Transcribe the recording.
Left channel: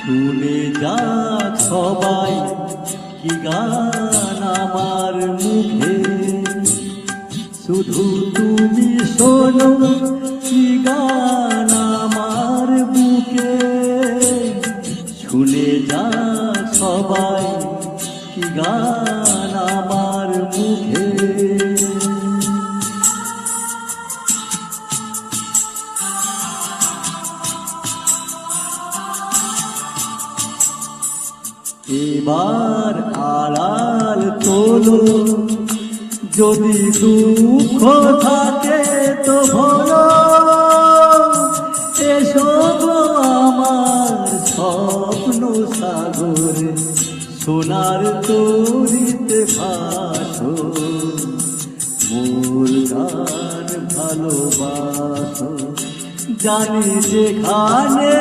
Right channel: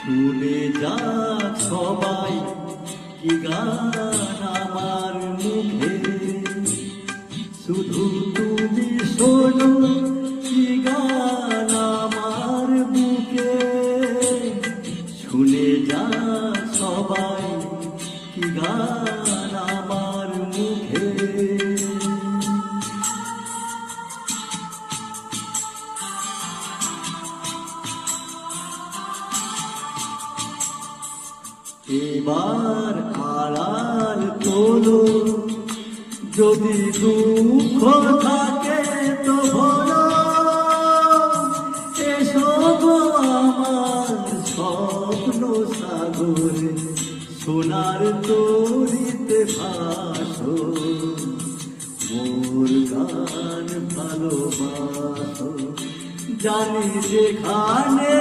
শুনে যাক সবাই কি গান আমার মুখে, শুধু তুমি শোনো কি গান আমার বুকে। শুনে যাক সবাই কি গান আমার মুখে। এবার আড়াল তোলো, যদি দুঃখ থাকে তো ভরো, এসব আমার স্বপ্ন সাগরে সোনার তরিতে ভাসো। মোর গান ভালোবাসো, জানি যেখানে